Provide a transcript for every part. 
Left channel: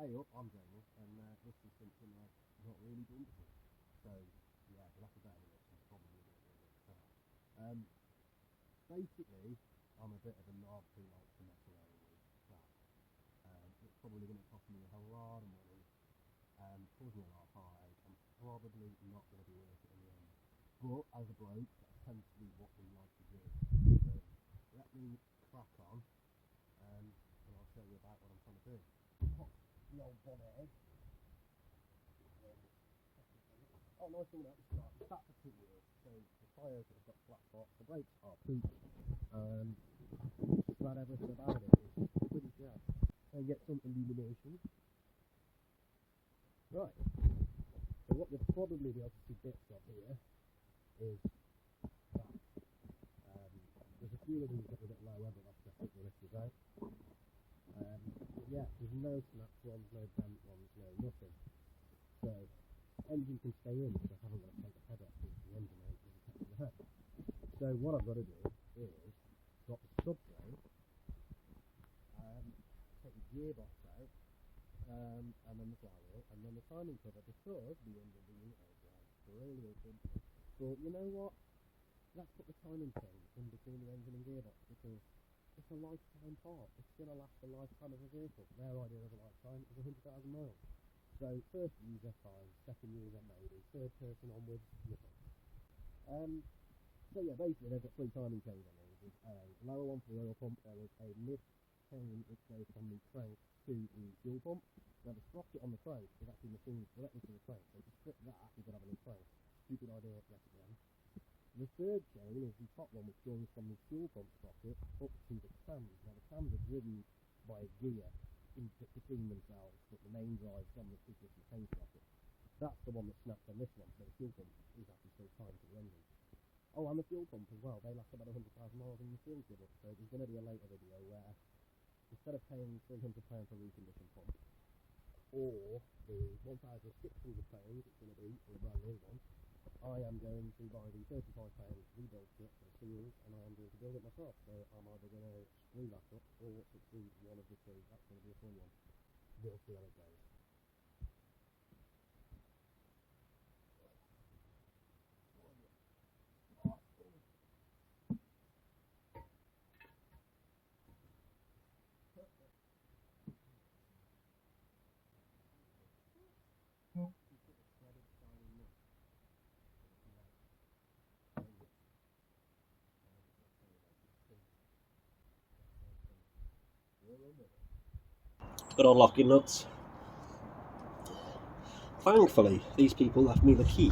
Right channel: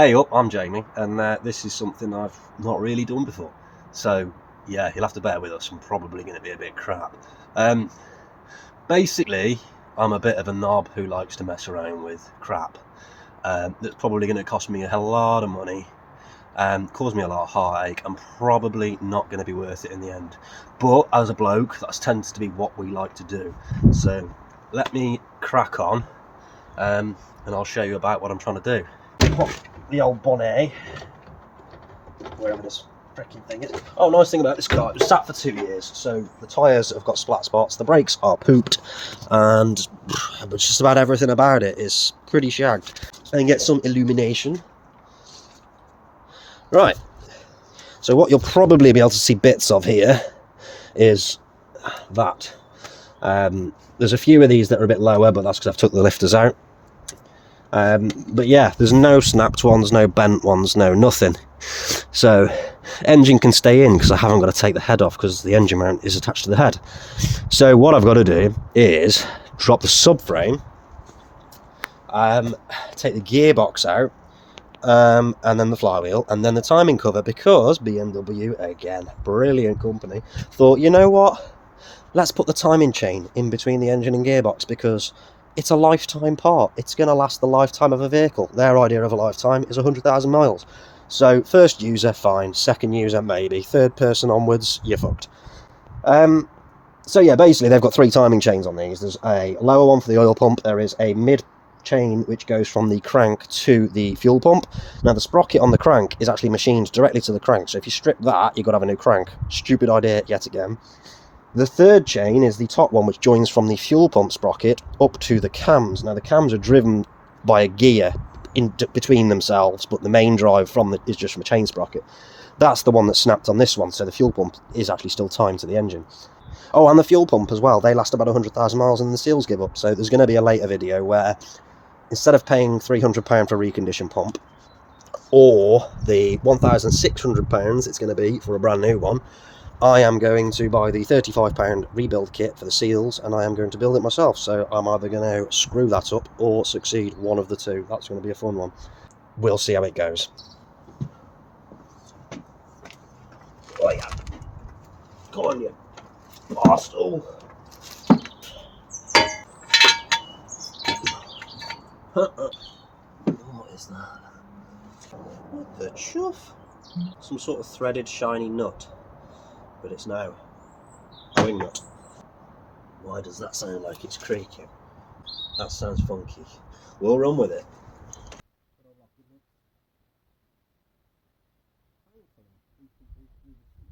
Hey up, I'm Jamie, and this is something I've not really done before. So, yeah, you'll have to bear with us. I'm probably going to be a bit crap. Basically, I'm a bit of a knob who likes to mess around with crap. That's probably going to cost me a hell of a lot of money, cause me a lot of heartache, and probably not going to be worth it in the end. But as a bloke, that tends to be what we like to do. So, let me crack on, and I'll show you about what I'm trying to do. The old bonnet, wherever this freaking thing is. Oh, nice thing about this car, it was sat for 2 years, so the tyres have got splat spots, the brakes are pooped, and just about everything about it is pretty shagged. And get some illumination. Right, so what you'll probably be able to see bits of here is that. There's a few of these that are a bit lower, but that's because I've took the lifters out. But yeah, there's no snapped ones, no bent ones, no nothing. So engine can stay in because I haven't got to take the head off because the engine mount is attached to the head. So what I've got to do is drop the subframe, take the gearbox out, and then the flywheel, and then the timing cover, because BMW, again, brilliant company, thought, you know what, let's put the timing chain in between the engine and gearbox because it's a lifetime part. It's going to last the lifetime of a vehicle. Their idea of a lifetime is 100,000 miles. So first user, fine. Second user, maybe. Third person onwards, you're fucked. So yeah, basically they've got 3 timing chains on these. There's a lower one for the oil pump. There is a mid chain which goes from the crank to the fuel pump. Now the sprocket on the crank is actually machined directly to the crank. So if you strip that, you've got to have a new crank. Stupid idea yet again. The third chain is the top one, which joins from the fuel pump sprocket up to the cams. Now the cams are driven by a gear in between themselves, but the main drive is just from a chain sprocket. That's the one that's snapped on this one, so the fuel pump is actually still timed to the engine. Oh, and the fuel pump as well, they last about 100,000 miles and the seals give up. So there's going to be a later video where instead of paying £300 for a recondition pump, or the £1,600 it's going to be for a brand new one, I am going to buy the £35 rebuild kit for the seals, and I am going to build it myself. So I'm either going to screw that up or succeed, one of the two. That's going to be a fun one. We'll see how it goes. Oh yeah. Come on, you bastard. What is that? What the chuff? Some sort of threaded shiny nut. But it's now a wing nut. Why does that sound like it's creaking? That sounds funky. We'll run with it. Good old locking nuts. Thankfully, these people left me the key,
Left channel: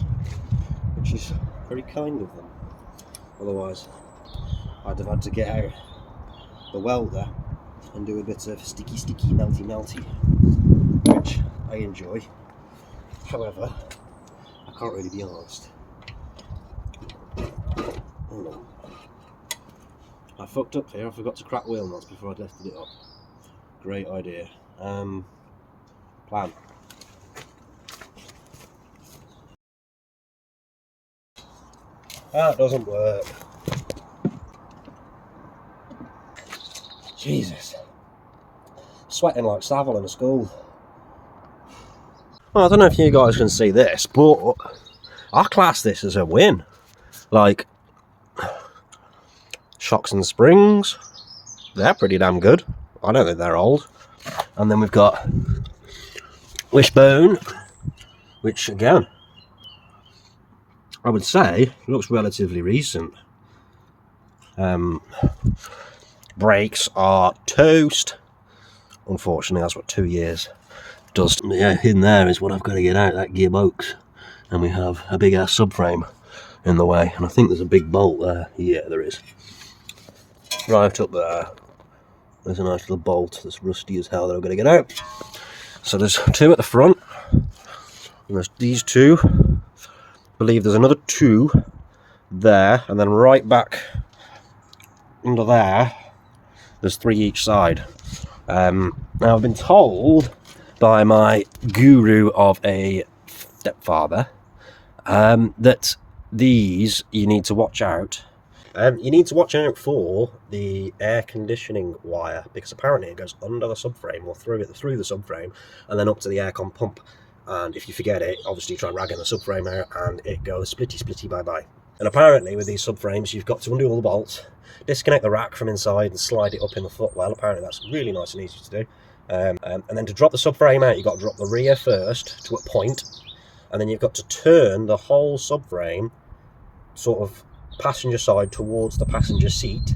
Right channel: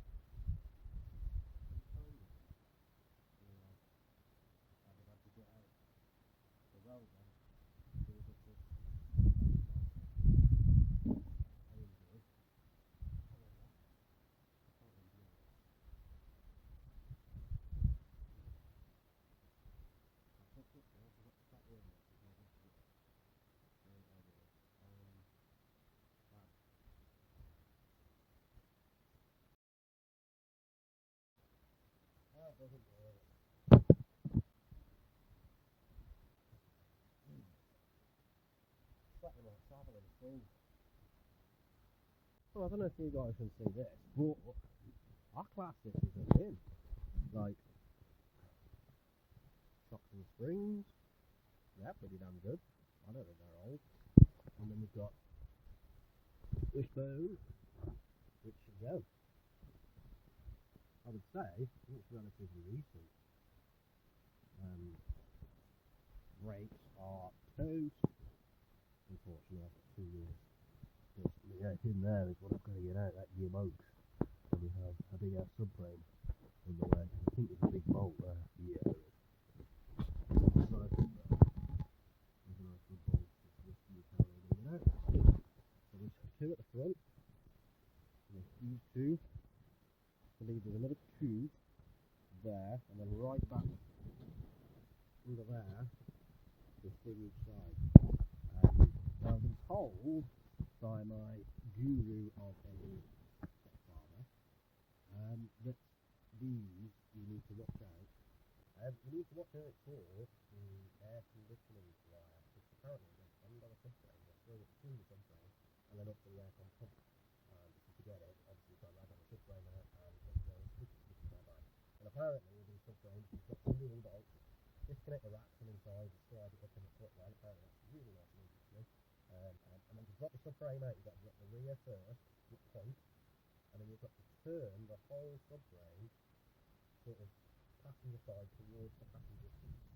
which is very kind of them. Otherwise, I'd have had to get out the welder and do a bit of sticky, melty, which I enjoy. However, I can't really be arsed. Hold on. I fucked up here. I forgot to crack wheel nuts before I lifted it up. Great idea. Plan. That doesn't work. Jesus. Sweating like Savile in a school. Well, I don't know if you guys can see this, but I class this as a win. Like, shocks and springs, they're pretty damn good. I don't think they're old. And then we've got wishbone, which again, I would say looks relatively recent. Brakes are toast. Unfortunately, that's what 2 years does. Yeah, in there is what I've got to get out, that gearbox. And we have a big ass subframe in the way, and I think there's a big bolt there. Yeah, there is. Right up there, there's a nice little bolt that's rusty as hell that I've got to get out. So there's 2 at the front, and there's these 2. I believe there's another 2 there, and then right back under there, there's 3 each side. Now I've been told by my guru of a stepfather that these you need to watch out You need to watch out for the air conditioning wire, because apparently it goes under the subframe or through the subframe and then up to the aircon pump. And if you forget it, obviously you try ragging the subframe out and it goes splitty bye bye. And apparently with these subframes you've got to undo all the bolts, disconnect the rack from inside and slide it up in the footwell. Apparently that's really nice and easy to do. And then to drop the subframe out, you've got to drop the rear first to a point, and then you've got to turn the whole subframe sort of passenger side towards the passenger seat,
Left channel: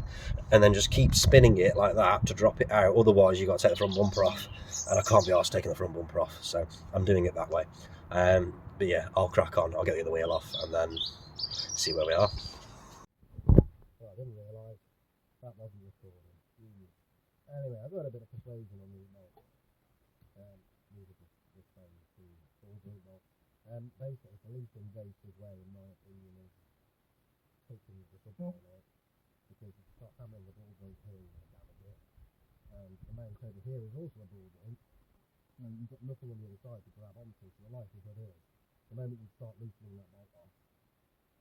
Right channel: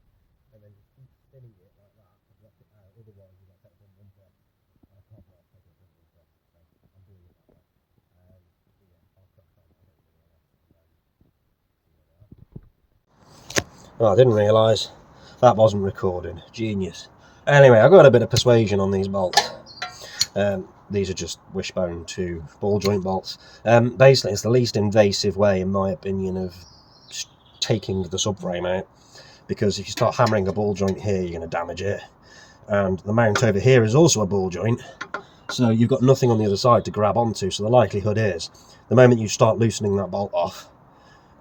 and then just keep spinning it like that to drop it out. Otherwise you've got to take the front bumper off, and I can't be arsed taking the front bumper off, so I'm doing it that way. But yeah, I'll crack on. I'll get the other wheel off and then see where we are. Oh, I didn't realise that wasn't recording. Genius. Anyway, I got a bit of persuasion on these bolts. These are just wishbone to ball joint bolts. Basically, it's the least invasive way, in my opinion, of taking the subframe out, because if you start hammering a ball joint here, you're going to damage it. And the mount over here is also a ball joint, so you've got nothing on the other side to grab onto. So the likelihood is, the moment you start loosening that bolt off,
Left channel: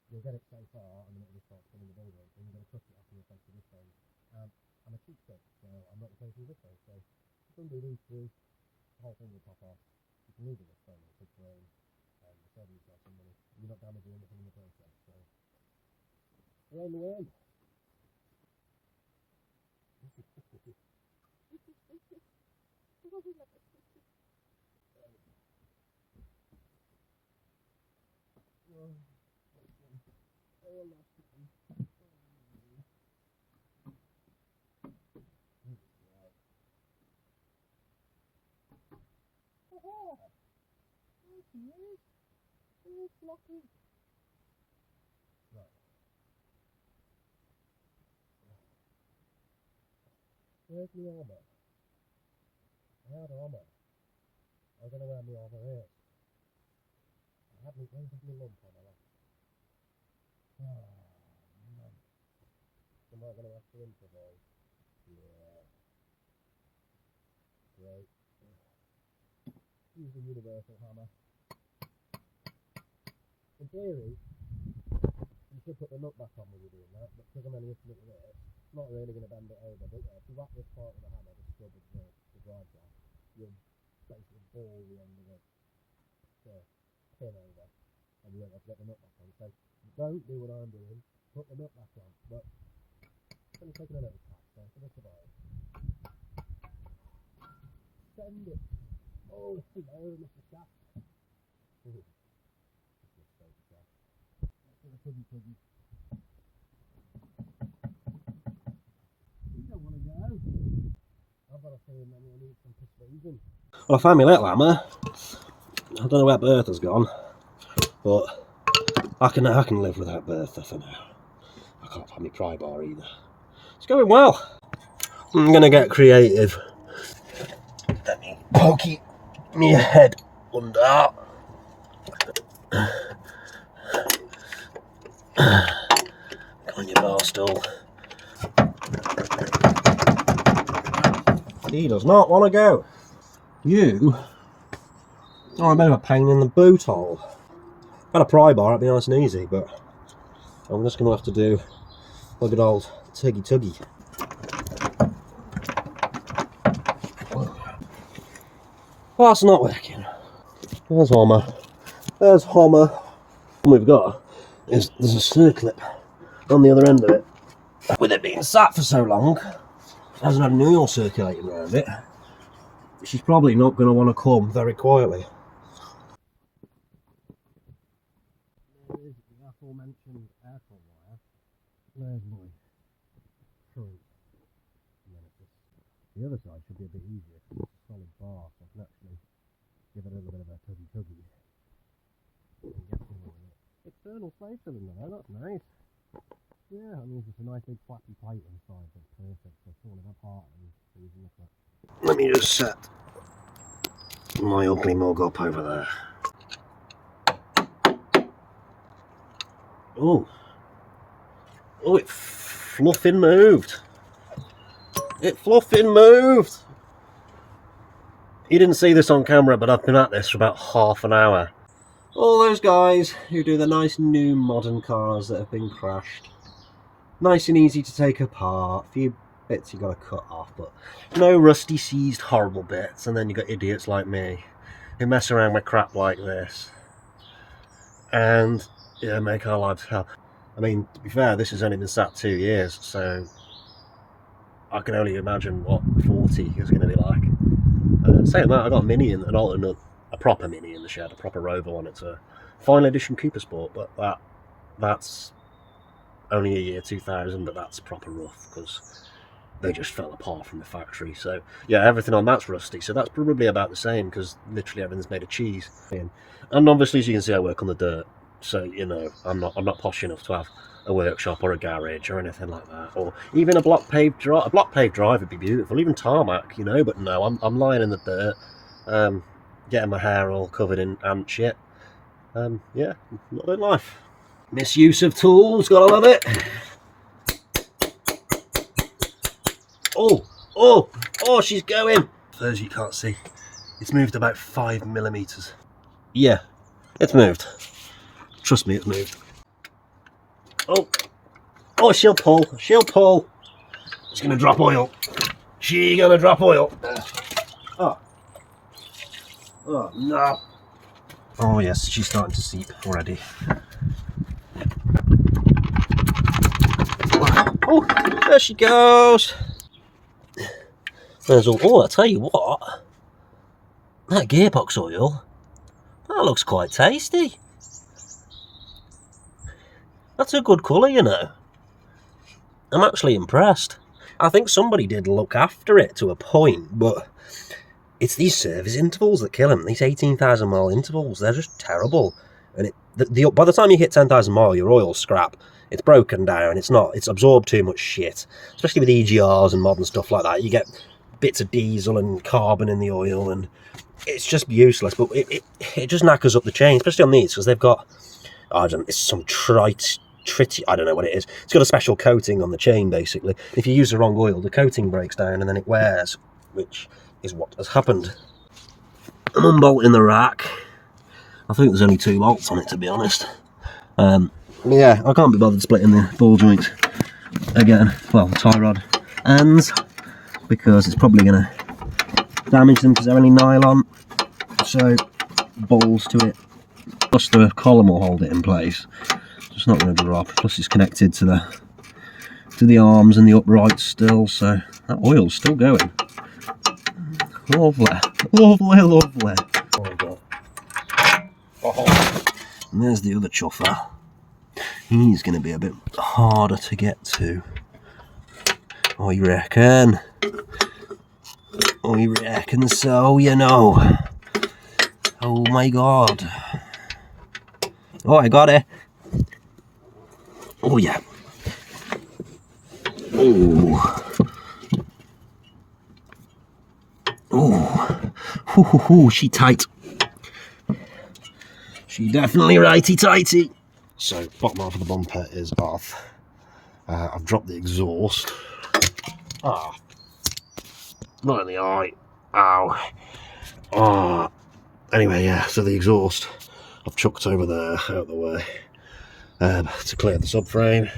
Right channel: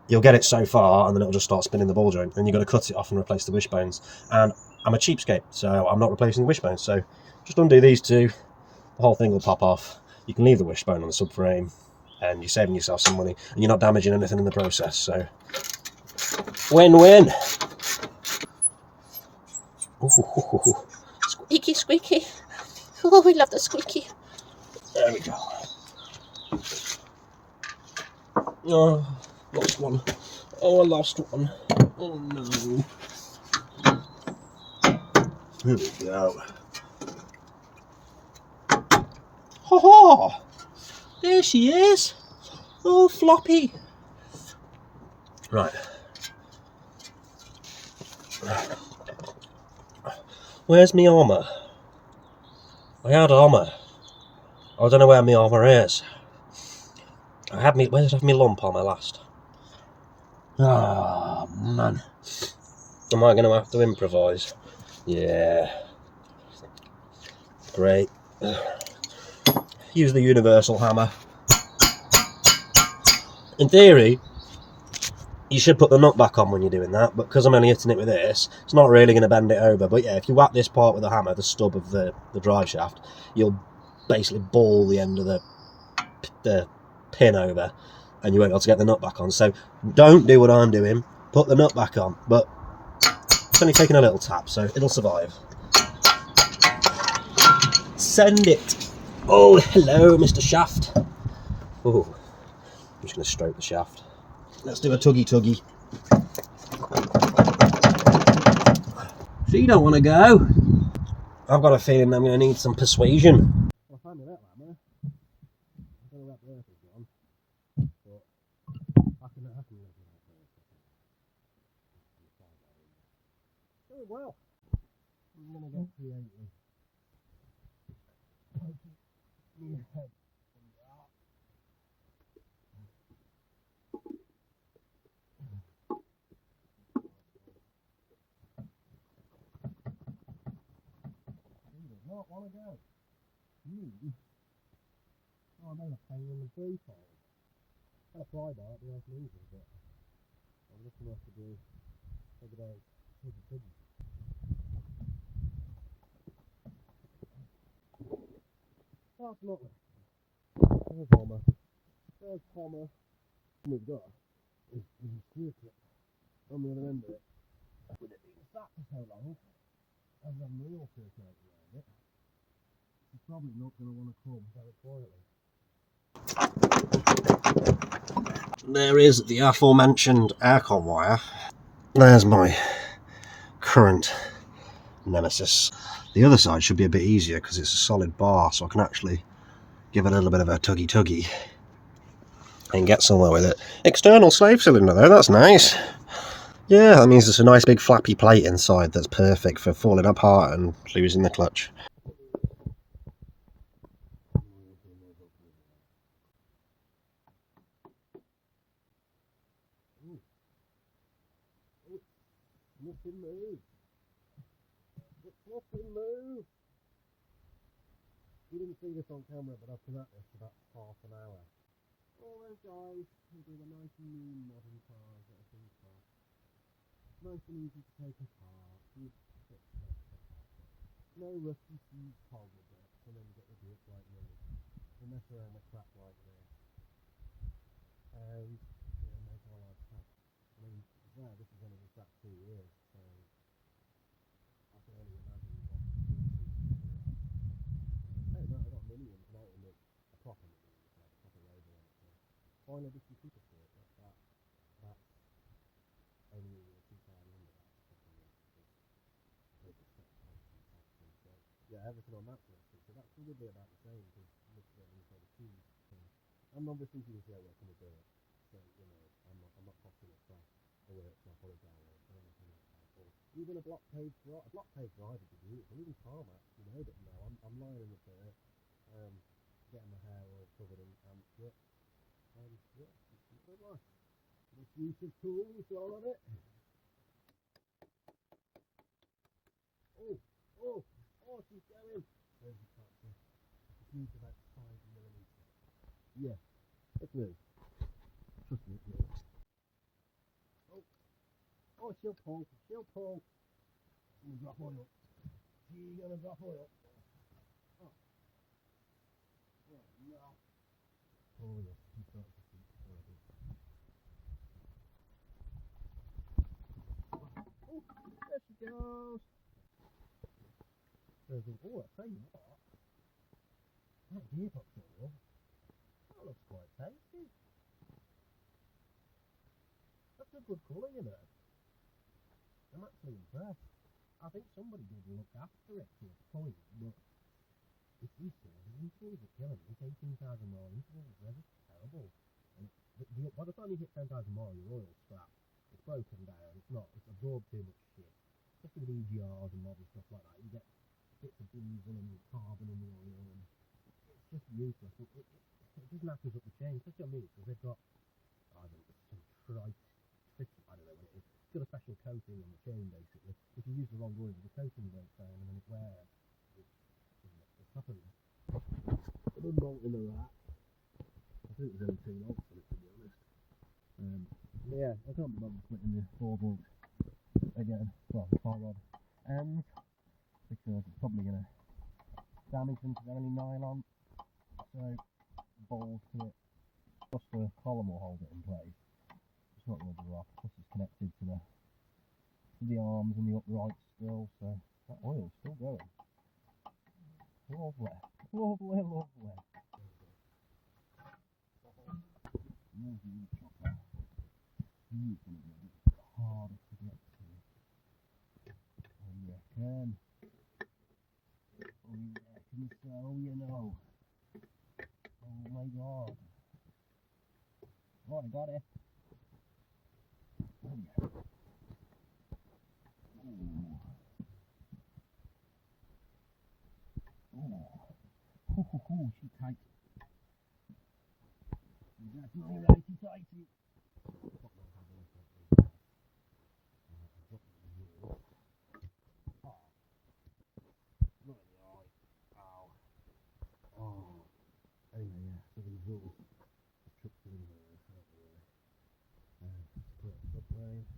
you'll get it so far and then it'll just start spinning the ball joint, and you've got to cut it off and replace the wishbones. And I'm a cheapskate, so I'm not replacing the wishbones, so just undo these two, the whole thing will pop off. You can leave the wishbone on the subframe and you're saving yourself some money and you're not damaging anything in the process, so win-win. Squeaky, squeaky. Oh, we love the squeaky. There we go. Oh, lost one. Oh, I lost one. Oh no. Here we go. Ha ha! There she is. Oh, floppy. Right. Where's my armour? I had armour. I don't know where my armour is. Where did I have my lump armour last? Ah, oh, man. Am I going to have to improvise? Yeah. Great. Use the universal hammer. In theory, you should put the nut back on when you're doing that, but because I'm only hitting it with this, it's not really going to bend it over. But yeah, if you whack this part with a hammer, the stub of the drive shaft, you'll basically ball the end of the pin over, and you won't be able to get the nut back on. So don't do what I'm doing, put the nut back on, but it's only taking a little tap, so it'll survive. Send it. Oh, hello, Mr. Shaft. Oh, I'm just going to stroke the shaft. Let's do a tuggy. So you don't want to go? I've got a feeling I'm going to need some persuasion. Well, I found my little hammer. I don't know where Bertha's gone, but I can live without Bertha for now. I can't find my pry bar either. It's going well. I'm going to get creative. Let me poke my head under. Come on, you bar stool. He does not want to go. You are a bit of a pain in the boot hole. Had a pry bar, it'd be nice and easy, but I'm just going to have to do a good old tuggy. Well, that's not working. There's Homer. There's Homer. What we've got is there's a circlip on the other end of it. With it being sat for so long, it hasn't had any oil circulating around it. She's probably not going to want to come very quietly. There is the aforementioned aircon wire. There's my current nemesis. The other side should be a bit easier because it's a solid bar, so I can actually give it a little bit of a tuggy and get somewhere with it. External slave cylinder though, that's nice. Yeah, that means there's a nice big flappy plate inside that's perfect for falling apart and losing the clutch. Let me just set my ugly mug up over there. Oh, it fluffing moved. It fluffing moved. You didn't see this on camera, but I've been at this for about half an hour. All those guys who do the nice new modern cars that have been crashed. Nice and easy to take apart. A few bits you got to cut off, but no rusty, seized, horrible bits. And then you got idiots like me who mess around with crap like this, and yeah, make our lives hell. I mean, to be fair, this has only been sat 2 years, so I can only imagine what 40 is going to be like. Saying that, I got a Mini, an alternate, a proper Mini in the shed, a proper Rover one. It's a final edition Cooper Sport, but that's only a year 2000, but that's proper rough because they just fell apart from the factory. So yeah, everything on that's rusty. So that's probably about the same because literally everything's made of cheese. And obviously, as you can see, I work on the dirt. So you know, I'm not posh enough to have a workshop or a garage or anything like that, or even a block paved drive. A block paved drive would be beautiful, even tarmac, you know. But no, I'm lying in the dirt, getting my hair all covered in ant shit. Yeah, not in life. Misuse of tools, gotta love it. Oh, she's going. For those you can't see, it's moved about 5mm. Yeah, it's moved. Trust me, it's moved. Oh, she'll pull. She's gonna drop oil. Oh no. Oh yes, she's starting to seep already. Oh, there she goes. There's all. Oh, I tell you what, that gearbox oil, that looks quite tasty. That's a good colour, you know. I'm actually impressed. I think somebody did look after it to a point, but it's these service intervals that kill them. These 18,000 mile intervals, they're just terrible. And by the time you hit 10,000 mile, your oil's scrap. It's broken down. It's absorbed too much shit, especially with EGRs and modern stuff like that. You get bits of diesel and carbon in the oil, and it's just useless. But it just knackers up the chain, especially on these, because they've got, it's some I don't know what it is. It's got a special coating on the chain, basically. If you use the wrong oil, the coating breaks down and then it wears, which is what has happened. I'm unbolting the rack. I think there's only 2 bolts on it, to be honest. Yeah, I can't be bothered splitting the ball joints again. Well, the tie rod ends, because it's probably going to damage them because they're only nylon. So, balls to it. Plus the column will hold it in place. It's not going to drop. Plus it's connected to the arms and the uprights still, so that oil's still going. Lovely. Oh, and there's the other chuffer. He's going to be a bit harder to get to. Oh, you reckon? So, you know. Oh my god. Oh, I got it. Oh yeah. Oh, she tight. She definitely righty tighty. So bottom half of the bumper is off. I've dropped the exhaust. Not in the eye. Ow. Anyway, yeah. So the exhaust I've chucked over there out of the way. To clear the subframe.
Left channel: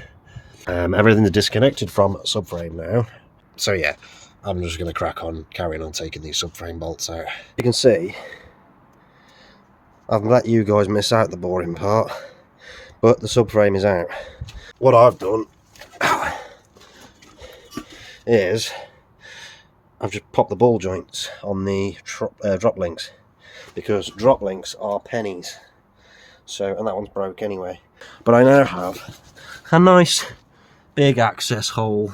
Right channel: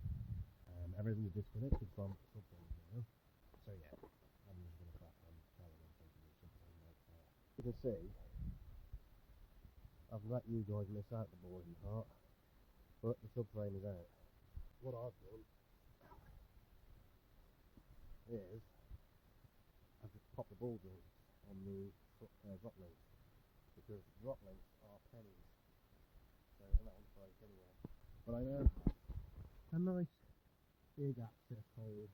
Everything's disconnected from subframe now. So yeah, I'm just going to crack on, carrying on taking these subframe bolts out. You can see, I've let you guys miss out the boring part, but the subframe is out. What I've done is, I've just popped the ball joints on the drop links, because drop links are pennies. So, and that one's broke anyway. But I now have a nice big access hole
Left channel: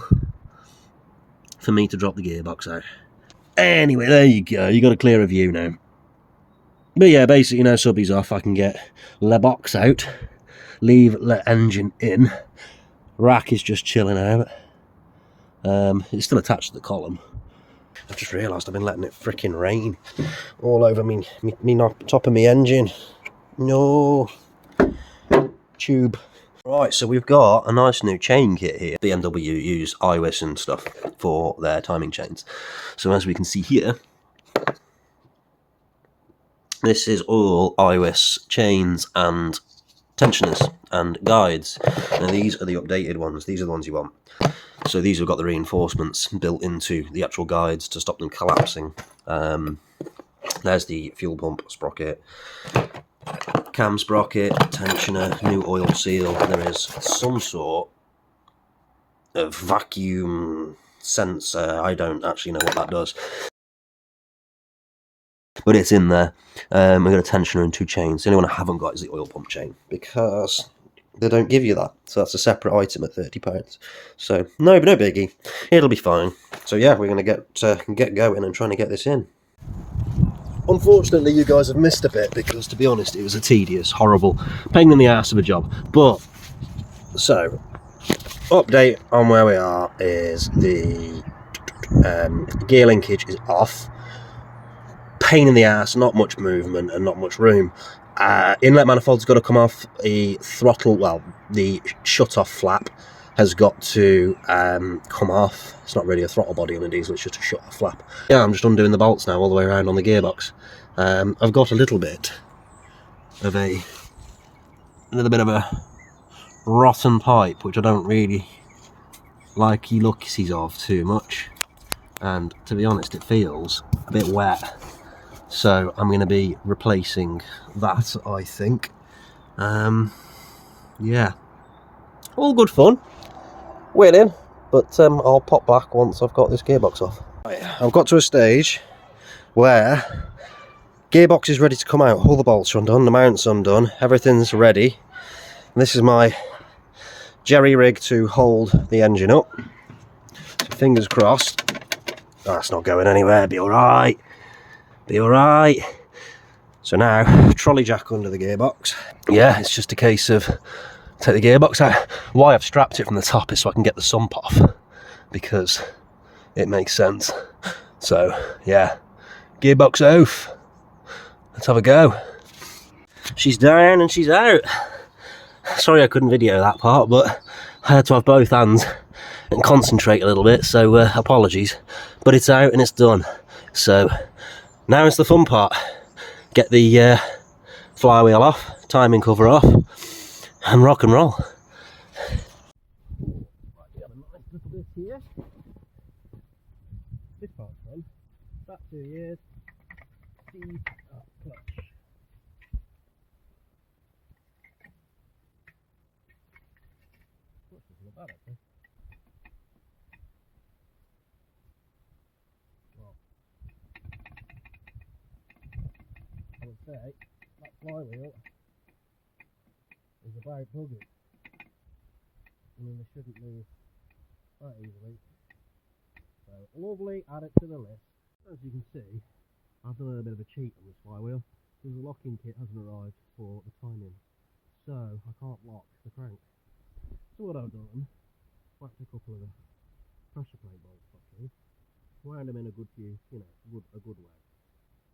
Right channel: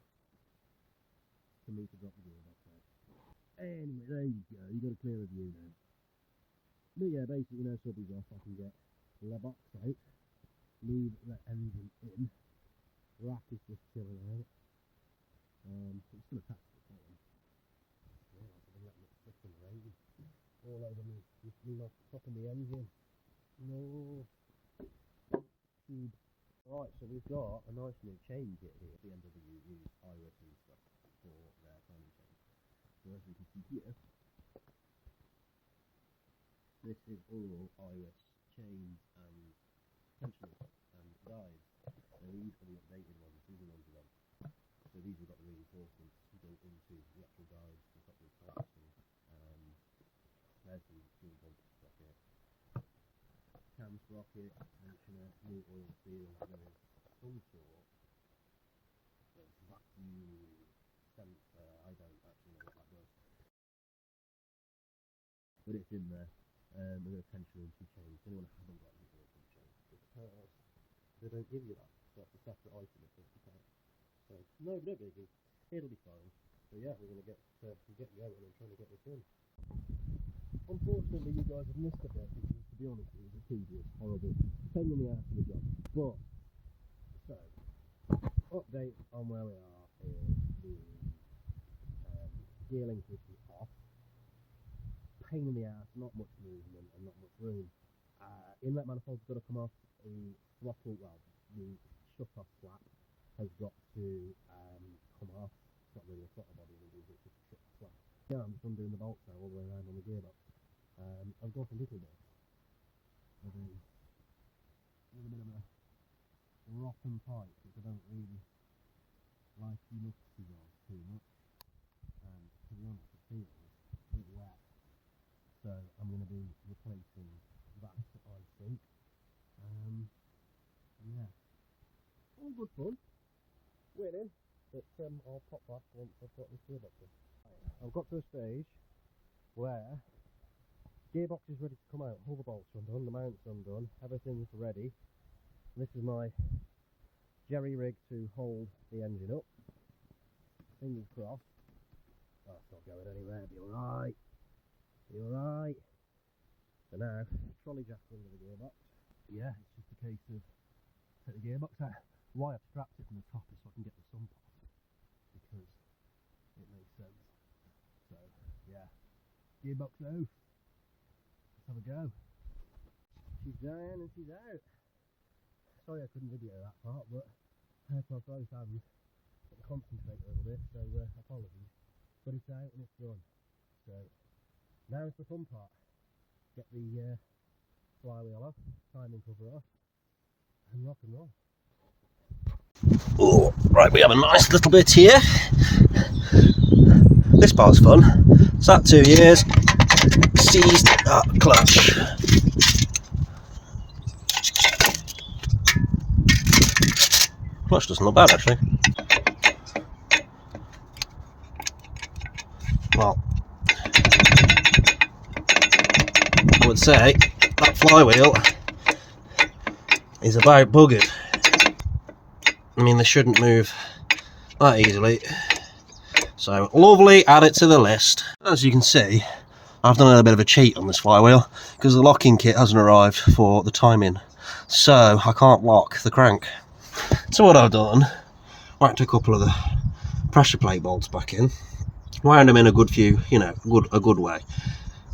for me to drop the gearbox out. Anyway, there you go. You got a clearer view now. But yeah, basically now subby's off, I can get the box out, leave the engine in. Rack is just chilling out. It's still attached to the column. I've just realised I've been letting it fricking rain all over me top of my engine. No. Tube. Right, so we've got a nice new chain kit here. BMW use IWIS and stuff for their timing chains. So as we can see here, this is all IWIS chains and tensioners and guides. Now these are the updated ones. These are the ones you want. So these have got the reinforcements built into the actual guides to stop them collapsing. There's the fuel pump sprocket, cam sprocket, tensioner, new oil seal. There is some sort of vacuum sensor. I don't actually know what that does, but it's in there. We've got a tensioner and 2 chains. The only one I haven't got is the oil pump chain, because they don't give you that. So that's a separate item at £30. So no biggie. It'll be fine. So yeah, we're going to get going and trying to get this in. Unfortunately, you guys have missed a bit, because to be honest, it was a tedious, horrible, pain in the ass of a job. But, so, update on where we are is the gear linkage is off. Pain in the ass, not much movement and not much room. Inlet manifold's got to come off. The throttle, well, the shut-off flap has got to come off. It's not really a throttle body on a diesel, it's just a shut-off flap. Yeah, I'm just undoing the bolts now all the way around on the gearbox. I've got a little bit of a rotten pipe, which I don't really like the looksies of too much, and to be honest, it feels a bit wet. So I'm going to be replacing that, I think. Yeah, all good fun. Waiting, but I'll pop back once I've got this gearbox off. Right, I've got to a stage where gearbox is ready to come out. All the bolts are undone, the mounts undone, everything's ready. And this is my jerry rig to hold the engine up. So fingers crossed. Oh, that's not going anywhere. Be alright. Be alright. So now, trolley jack under the gearbox. Yeah, it's just a case of take the gearbox out. Why I've strapped it from the top is so I can get the sump off, because it makes sense. So yeah, gearbox off. Let's have a go. She's down and she's out. Sorry I couldn't video that part, but I had to have both hands and concentrate a little bit, so apologies. But it's out and it's done. So now it's the fun part. Get the flywheel off, timing cover off, and rock and roll. Oh, right, we have a nice little bit here. This part's fun. Sat 2 years, seized that clutch. Clutch doesn't look bad, actually. Well, I would say that flywheel is about buggered. I mean, they shouldn't move that easily. So, lovely, add it to the list. As you can see, I've done a little bit of a cheat on this flywheel, because the locking kit hasn't arrived for the timing. So, I can't lock the crank. So what I've done, whacked a couple of the pressure plate bolts back in, wound them in a good few, you know, a good way,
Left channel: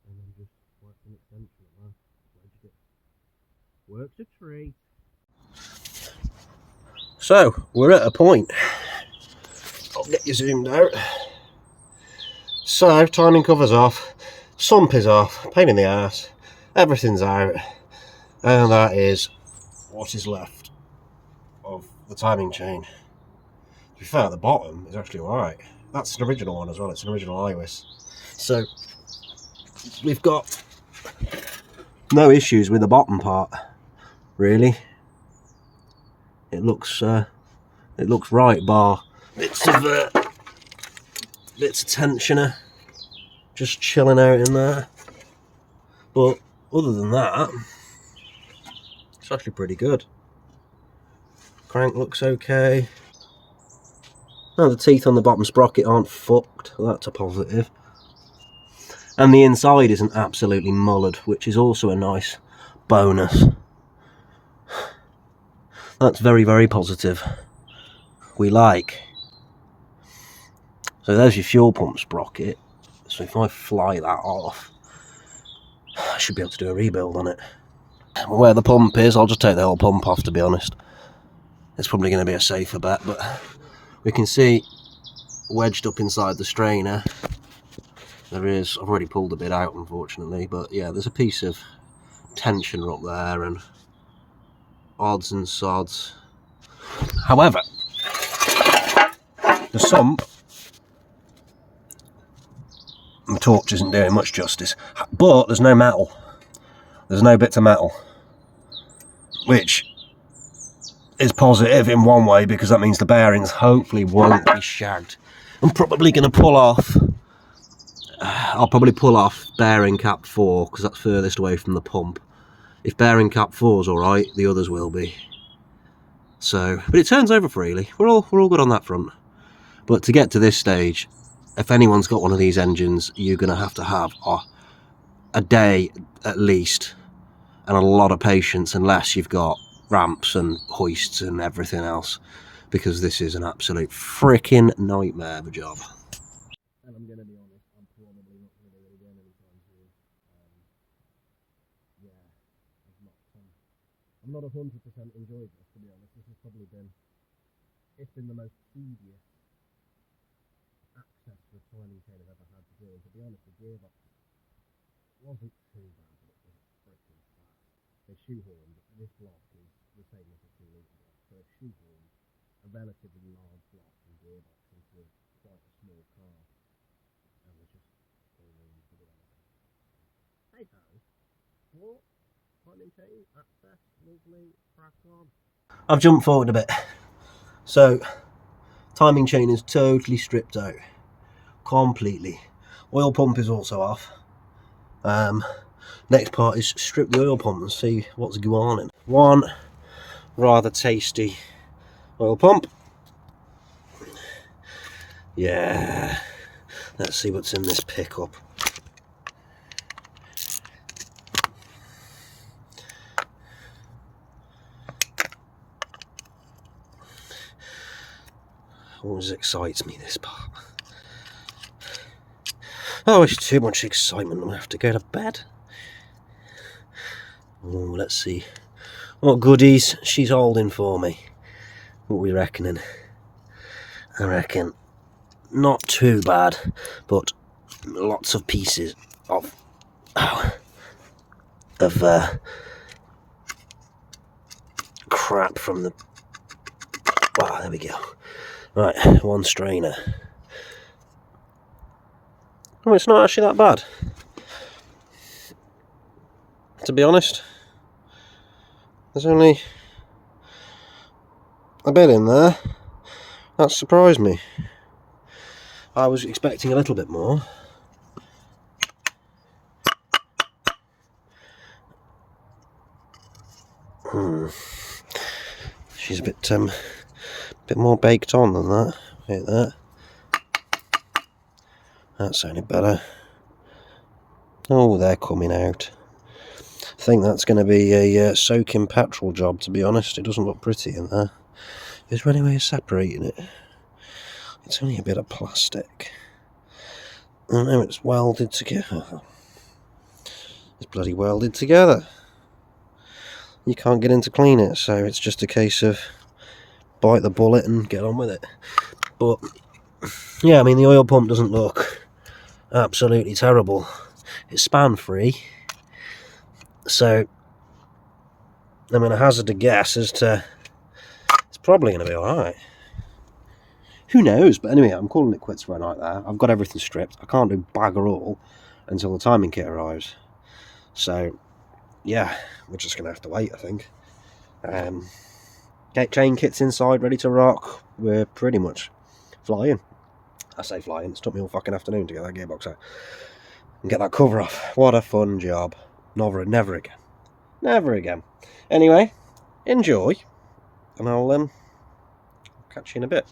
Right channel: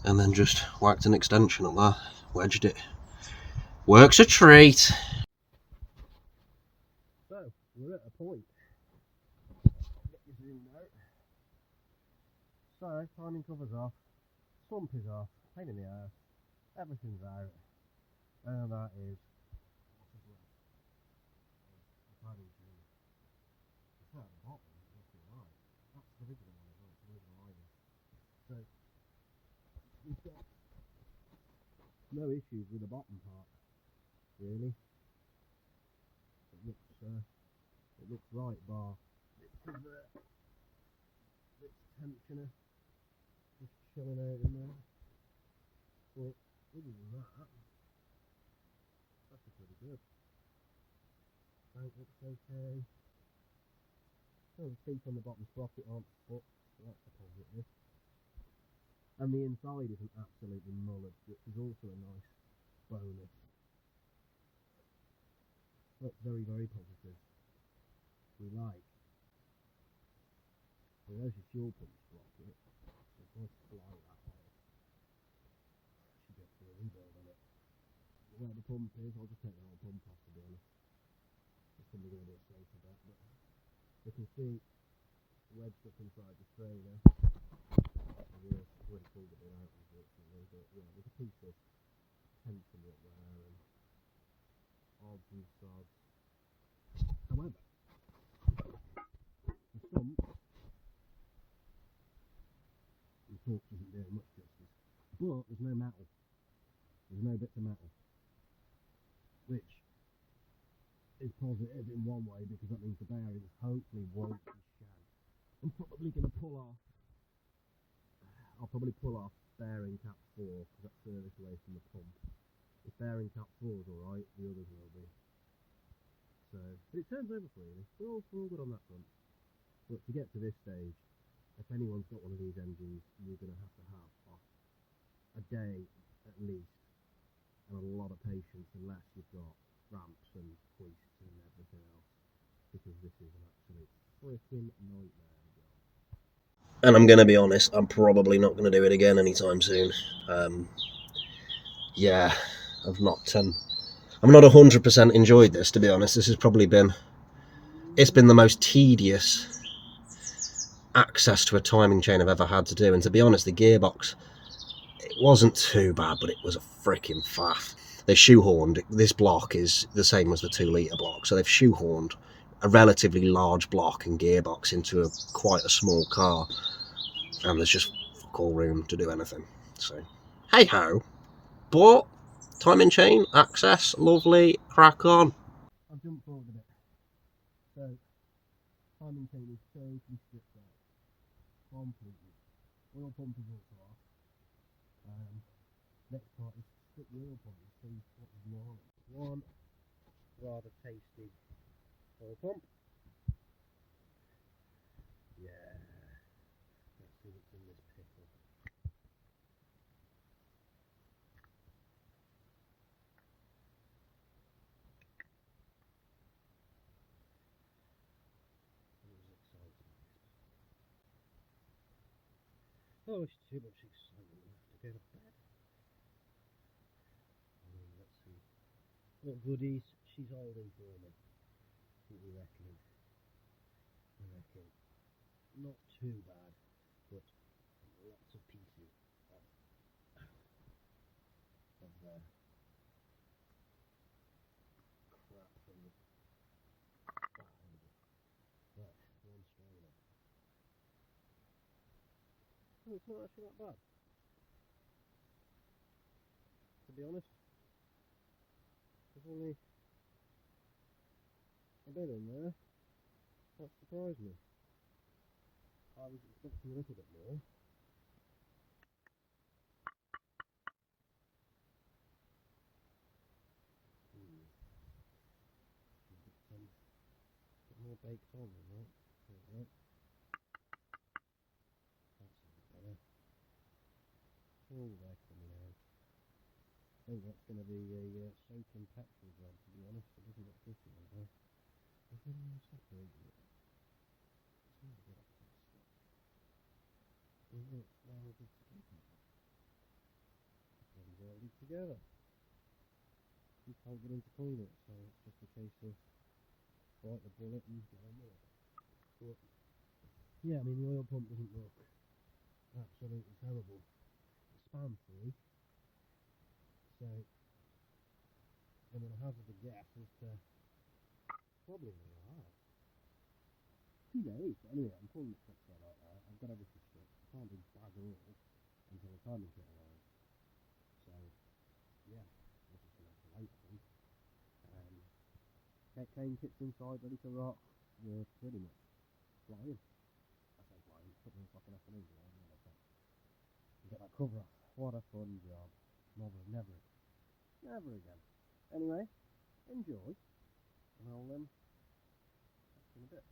and then just whacked an extension up there, wedged it. Works a treat. So, we're at a point. I'll get you zoomed out. So, timing cover's off, sump is off, pain in the arse, everything's out, and that is what is left of the timing chain. To be fair, at the bottom is actually alright. That's an original one as well, it's an original iWis. So, we've got no issues with the bottom part, really. It looks right, bar bits of tensioner just chilling out in there. But other than that, it's actually pretty good. Crank looks okay. Now the teeth on the bottom sprocket aren't fucked, that's a positive. And the inside isn't absolutely mullered, which is also a nice bonus. That's very, very positive. We like. So there's your fuel pump sprocket. So if I fly that off, I should be able to do a rebuild on it. Where the pump is, I'll just take the whole pump off, to be honest. It's probably going to be a safer bet, but we can see wedged up inside the strainer. There is, I've already pulled a bit out, unfortunately, but yeah, there's a piece of tensioner up there, and odds and sods. However, the sump, the torch isn't doing much justice, but there's no metal. There's no bits of metal, which is positive in one way because that means the bearings hopefully won't be shagged. I'm probably going to pull off, I'll probably pull off bearing cap 4 because that's furthest away from the pump. If bearing cap 4's alright, the others will be. So, but it turns over freely. We're all good on that front. But to get to this stage, if anyone's got one of these engines, you're going to have a day at least and a lot of patience, unless you've got ramps and hoists and everything else, because this is an absolute freaking nightmare of a job. And I'm going to be honest, I'm probably not going to do it again anytime soon. Yeah, I'm not 100% enjoyed this, to be honest. This has probably been, it's been the most tedious access to a timing chain I've ever had to do. And to be honest, the gearbox, it wasn't too bad, but it was a freaking faff. They shoehorned, this block is the same as the 2 litre block, so they've shoehorned a relatively large block and gearbox into quite a small car, and there's just fuck all room to do anything. So, hey ho. But timing chain, access, lovely, crack on. I've jumped forward a bit. So, timing chain is totally stripped out. Completely. Oil pump is also off. Next part is strip the oil pump and see what's going on in. One rather tasty oil pump. Yeah. Let's see what's in this pickup. Always excites me, this part. Oh, it's too much excitement. I'm gonna have to go to bed. Oh, let's see what goodies she's holding for me. What are we reckoning? I reckon not too bad, but lots of pieces of crap from the. Wow, there we go. Right, one strainer. Oh, it's not actually that bad, to be honest. There's only a bit in there. That surprised me. I was expecting a little bit more. She's a bit more baked on than that. Like that. That sounded better. Oh, they're coming out. I think that's going to be a soaking petrol job, to be honest. It doesn't look pretty in there. Is there any way of separating it? It's only a bit of plastic. I know it's welded together. It's bloody welded together. You can't get in to clean it, so it's just a case of bite the bullet and get on with it. But yeah, I mean, the oil pump doesn't look absolutely terrible. It's span free, so I'm going to hazard a guess as to it's probably going to be alright. Who knows? But anyway, I'm calling it quits for a night there. I've got everything stripped. I can't do bugger all until the timing kit arrives. So yeah, we're just going to have to wait, I think. Get chain kits inside, ready to rock. We're pretty much flying. I say flying, it's took me all fucking afternoon to get that gearbox out and get that cover off. What a fun job. Never again. Never again. Anyway, enjoy, and I'll catch you in a bit.